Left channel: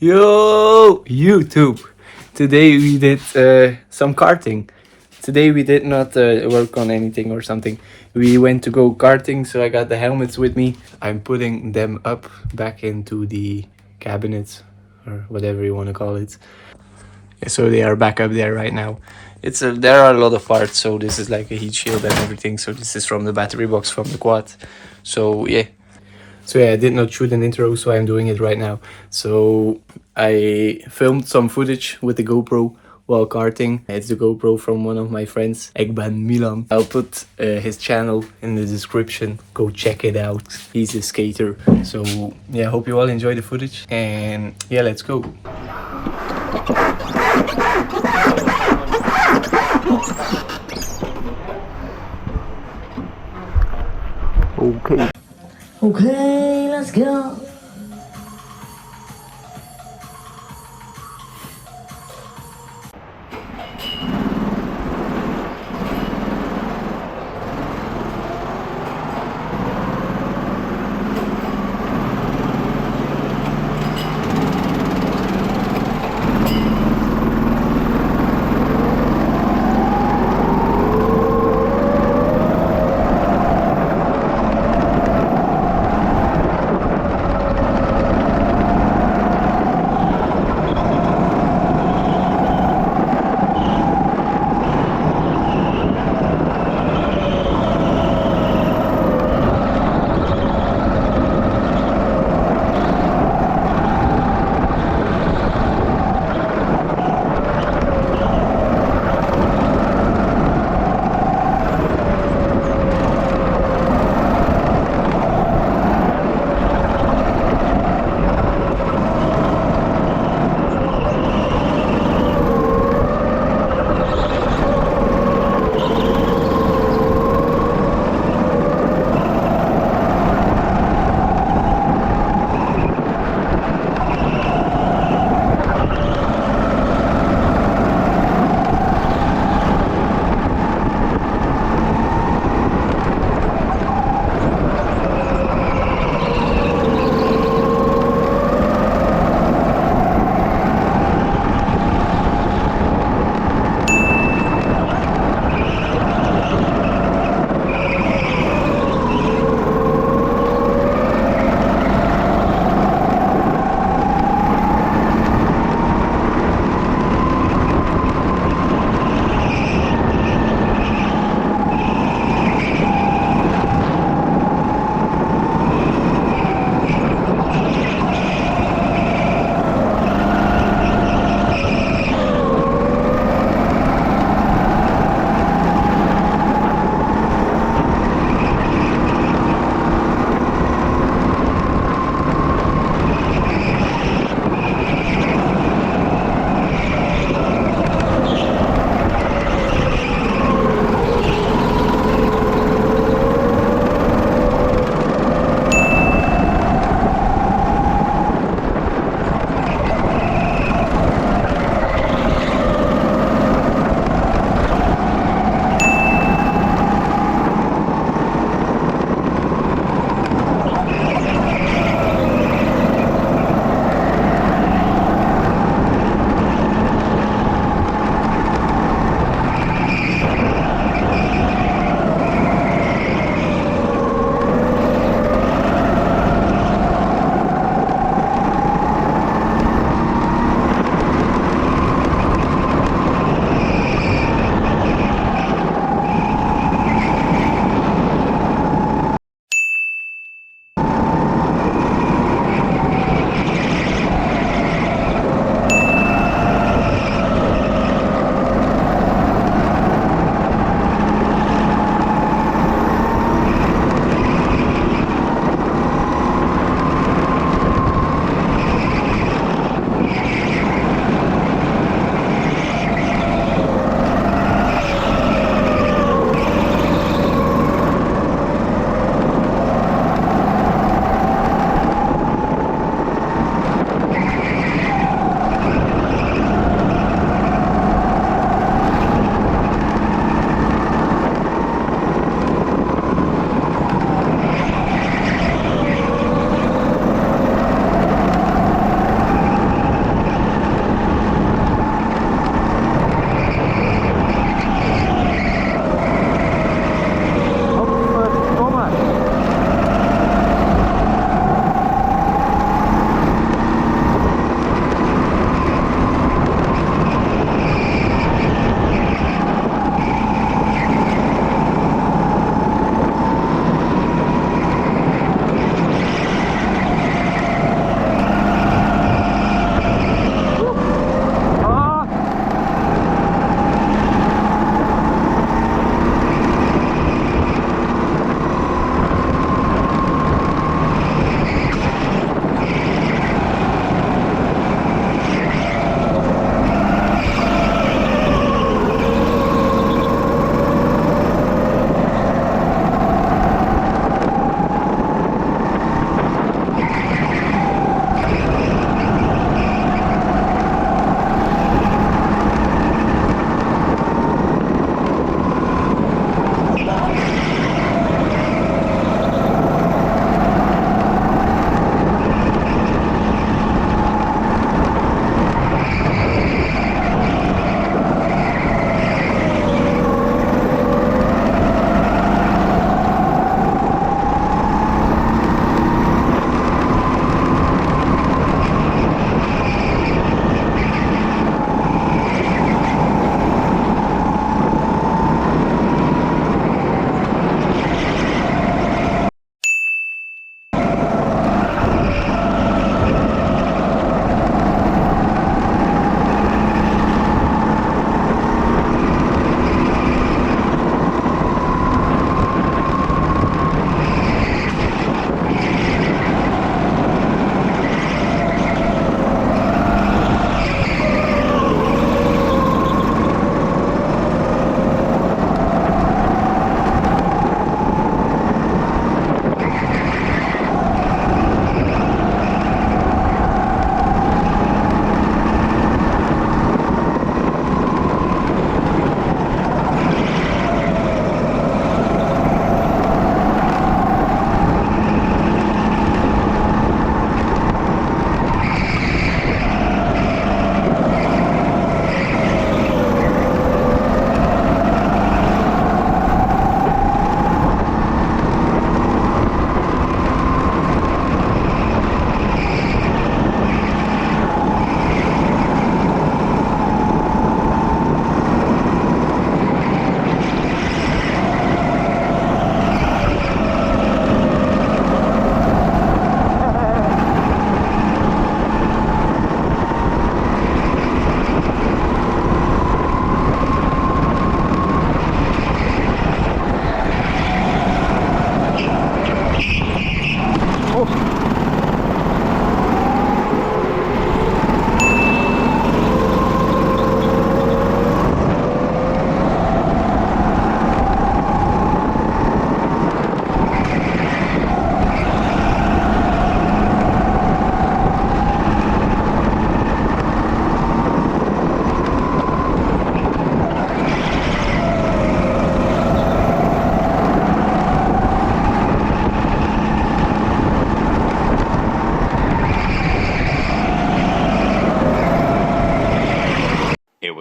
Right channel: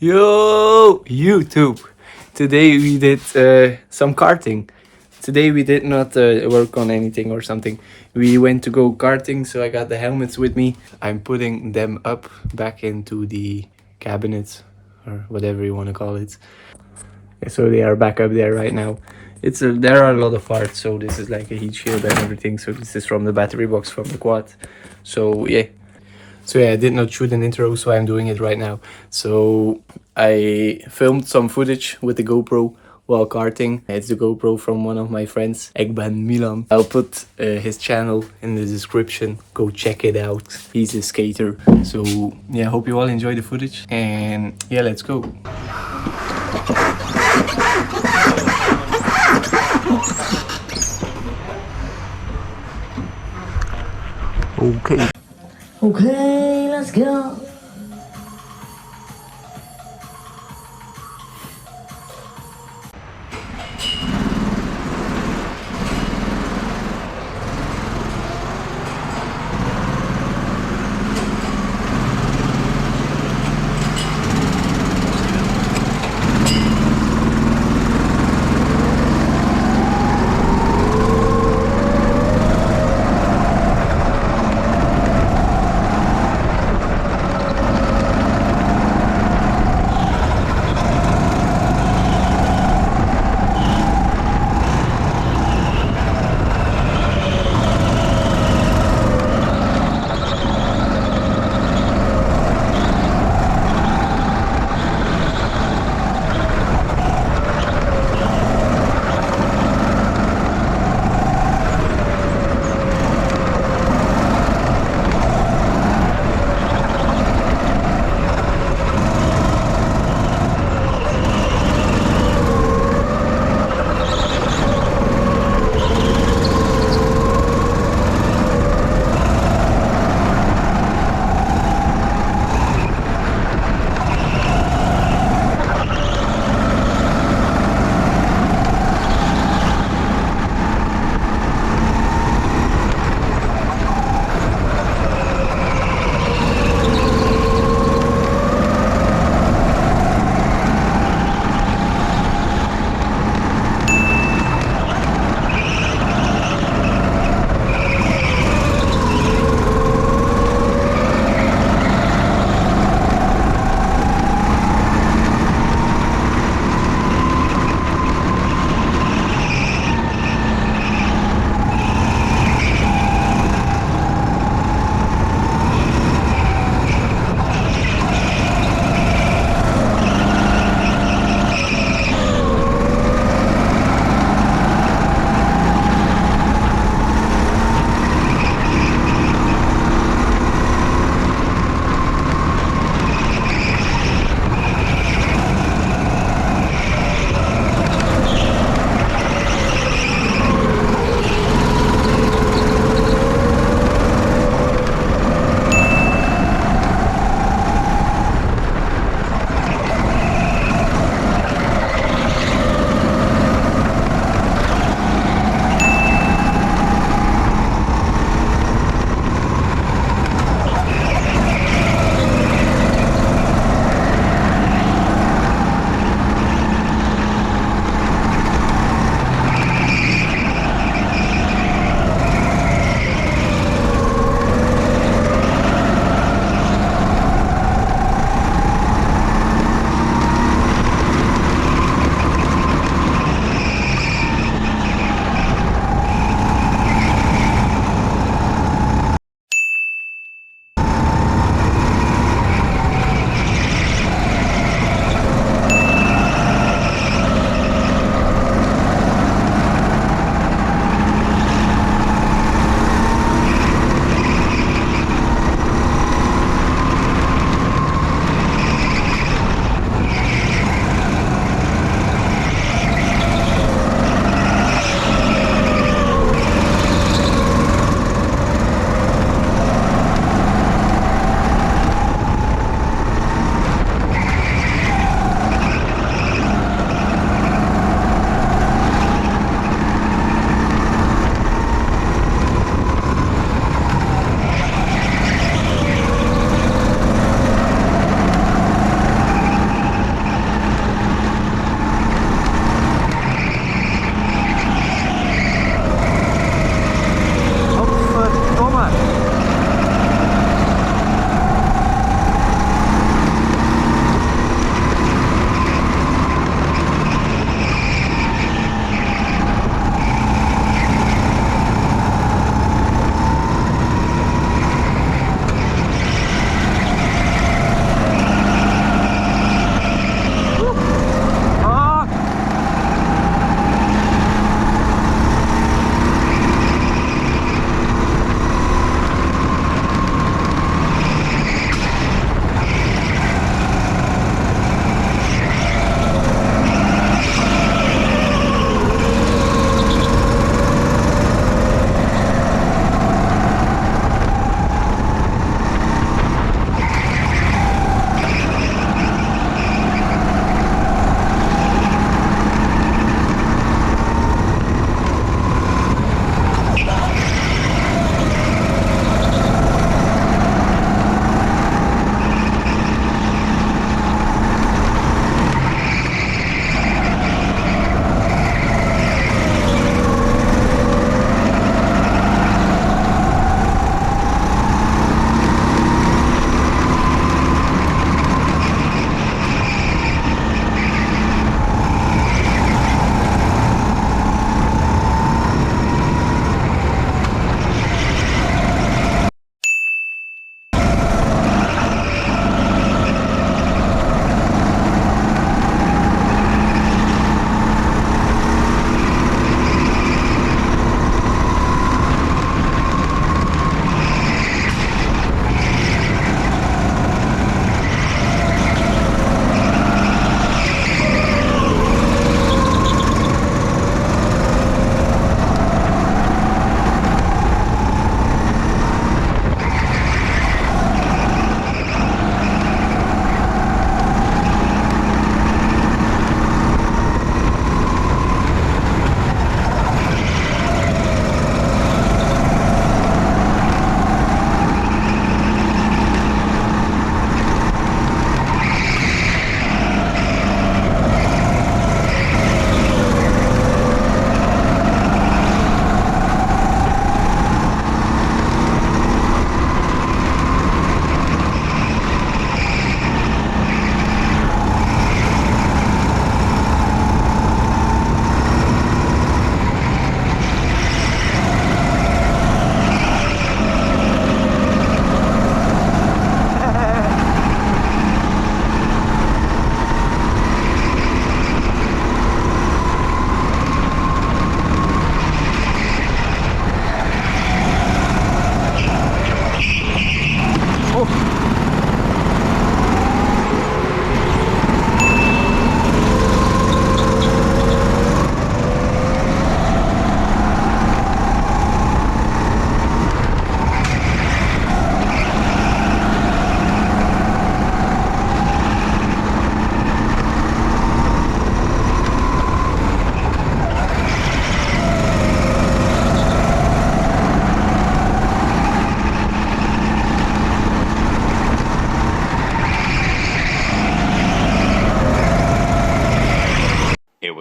Yo, YouTube! Today we did some karting. Today we did not work on anything or something. We went to go karting, so I got the helmets with me. I'm putting them up back into the cabinet or whatever you want to call it. Yeah, so they are back up there right now. There are a lot of parts, so this is like a heat shield and everything. So this is from the battery box from the quad. So yeah, I did not shoot an intro, so I'm doing it right now. So I filmed some footage with the GoPro while karting. It's the GoPro from one of my friends, Milan. I'll put his channel in the description. Go check it out. He's a skater. So yeah, hope you all enjoy the footage. And yeah, let's go. Okay. Okay, let's go.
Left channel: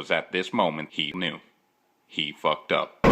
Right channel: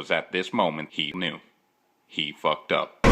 was at this moment he knew. He fucked up.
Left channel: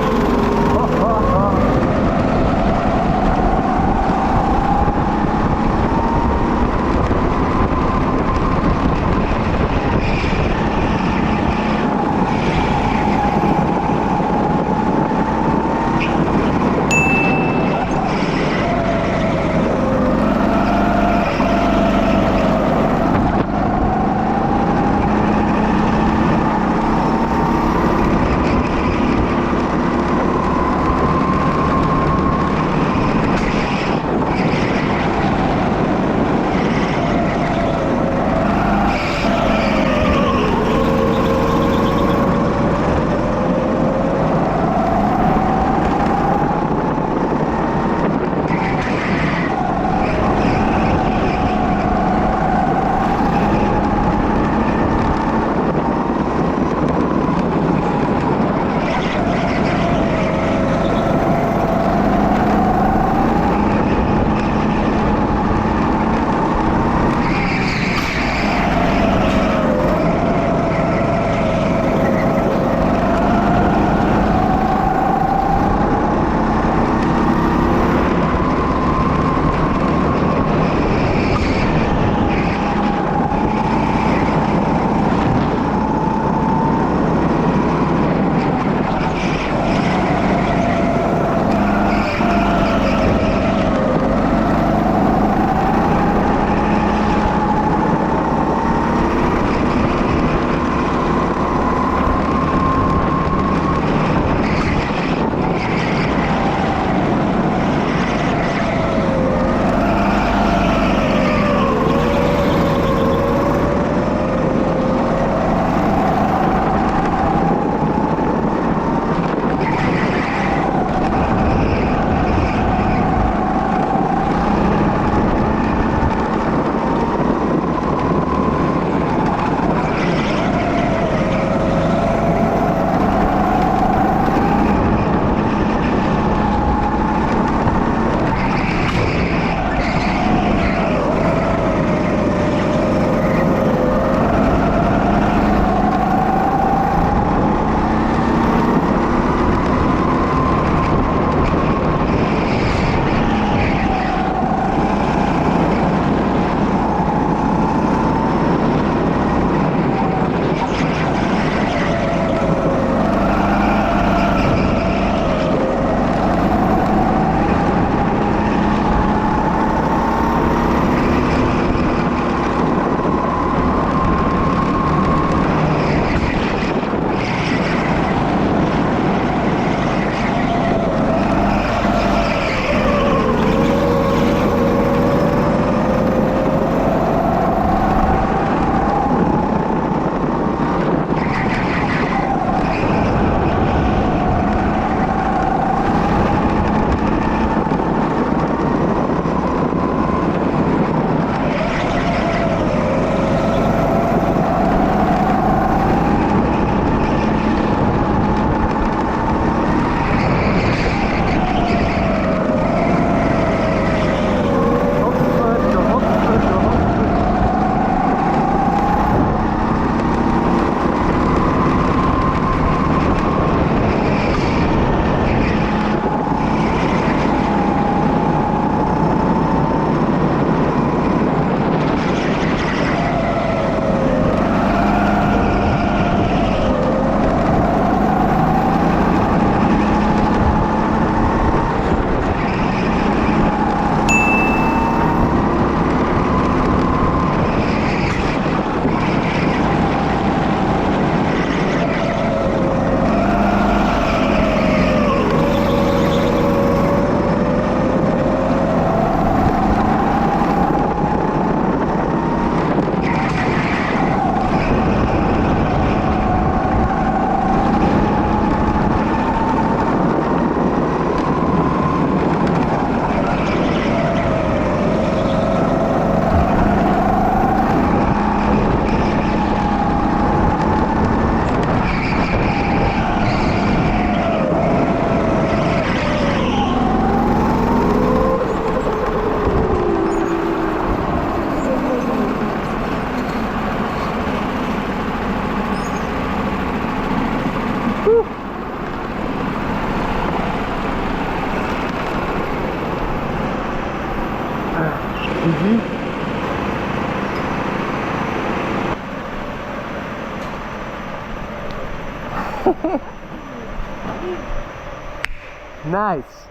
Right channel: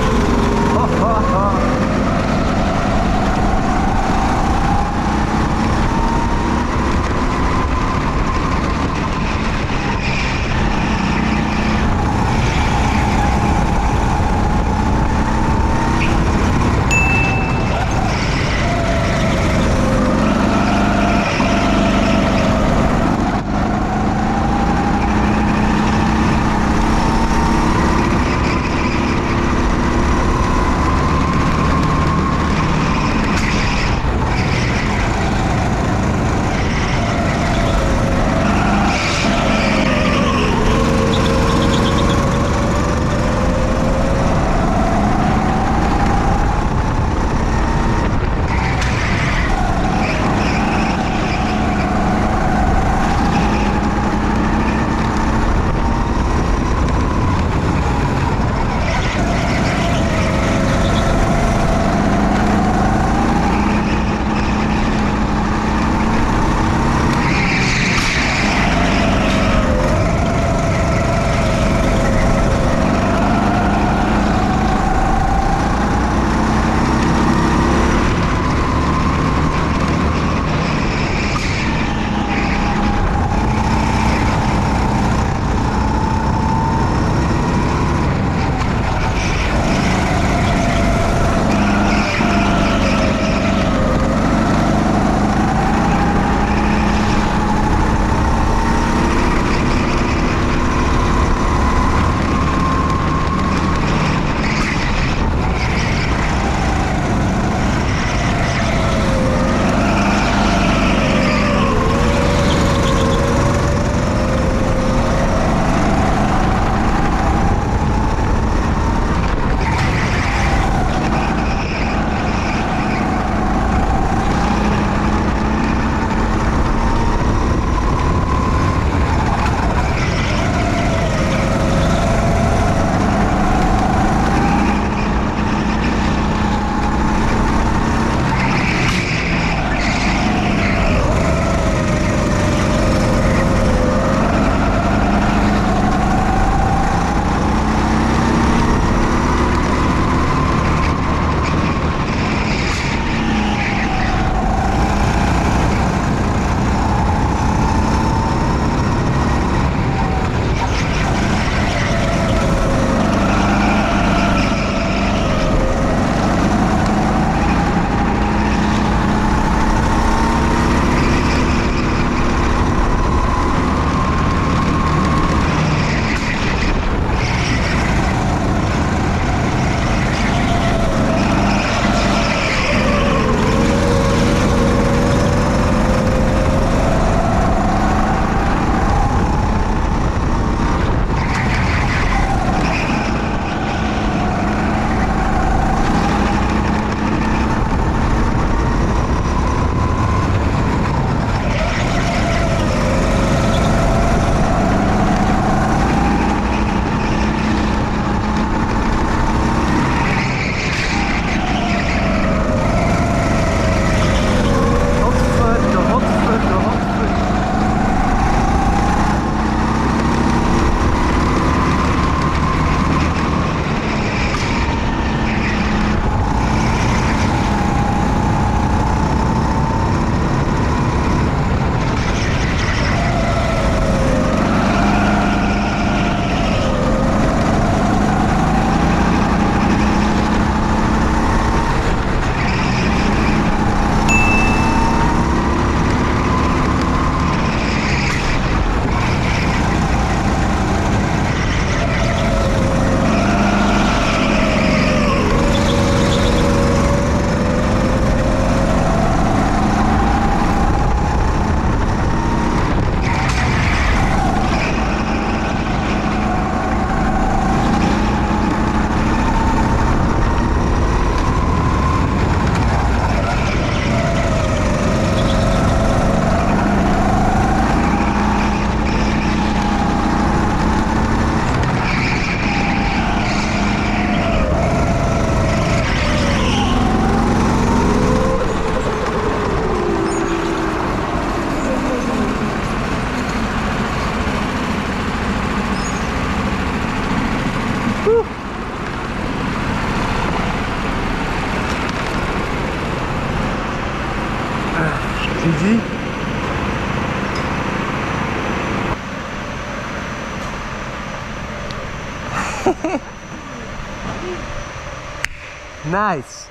Nice.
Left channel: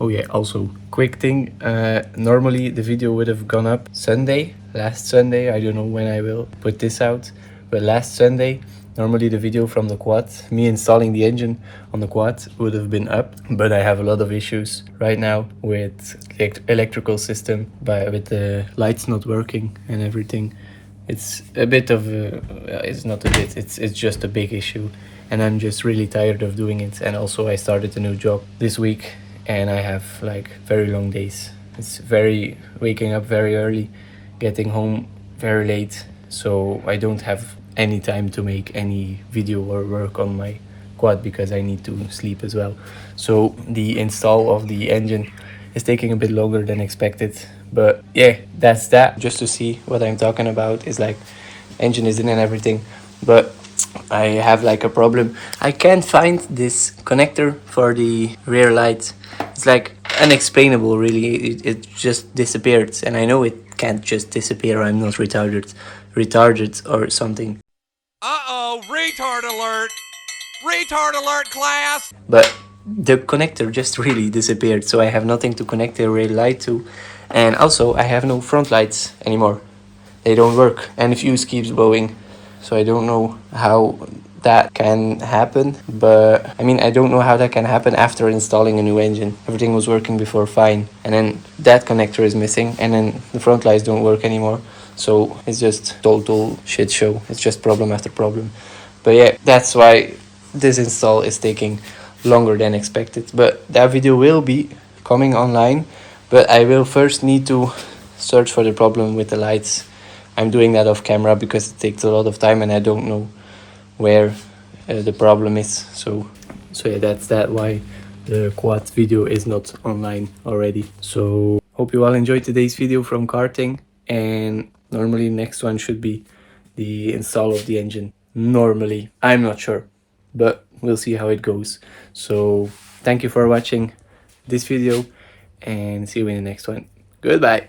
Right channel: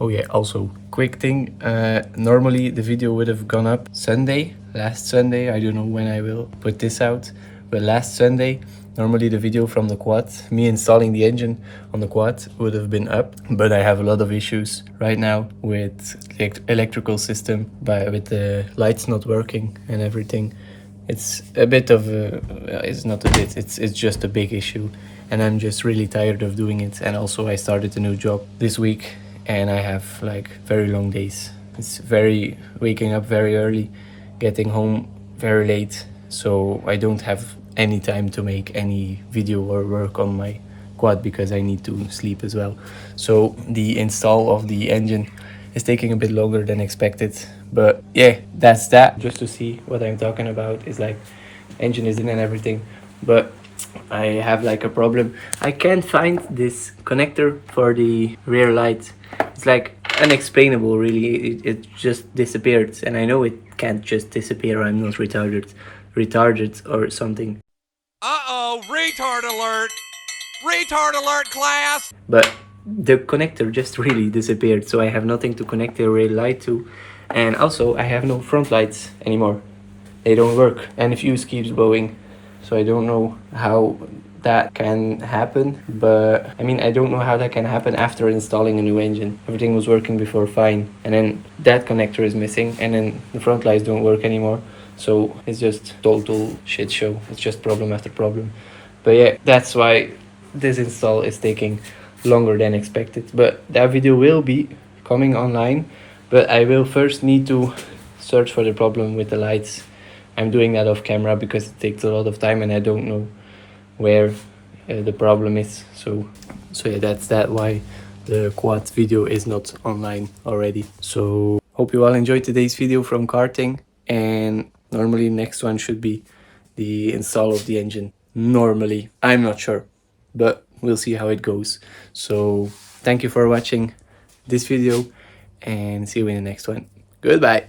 Oh yeah, also quick thing, normally the video would have gone up Sunday, last Sunday. I don't know when I will put this out, but last Sunday normally the video from the quad, me installing the engine on the quad, would have been up, but I have a lot of issues right now with the electrical system, with the lights not working and everything. It's a bit of it's not a bit, it's just a big issue, and I'm just really tired of doing it. And also I started a new job this week and I have like very long days. It's very waking up very early, getting home very late, so I don't have any time to make any video or work on my quad because I need to sleep as well. So the install of the engine is taking a bit longer than expected, but yeah, that's that. Just to see what I'm talking about is like engine is in and everything, but I have like a problem. I can't find this connector for the rear light. It's like unexplainable, really. It just disappeared, and I know it can't just disappear. I'm not retarded or something. Uh-oh, retard alert! Retard alert, class! But the connector just really disappeared, so I have nothing to connect the rear light to, and also I have no front lights anymore. They don't work, and the fuse keeps blowing, so I don't know how that can happen. But I mean, I don't know how that can happen after installing a new engine. Everything was working before fine, and then that connector is missing, and then the front lights don't work anymore. So it's just total shit show. It's just problem after problem. But yeah, that's why this install is taking longer than expected. But that video will be coming online, but I will first need to search for the problem with the lights. I'm doing that off camera because it takes a lot of time and I don't know where the problem is. So yeah, that's why the quad video is not online already. So hope you all enjoyed today's video from karting, and normally next one should be the install of the engine. Normally, I'm not sure, but we'll see how it goes. So thank you for watching this video and see you in the next one. Goodbye.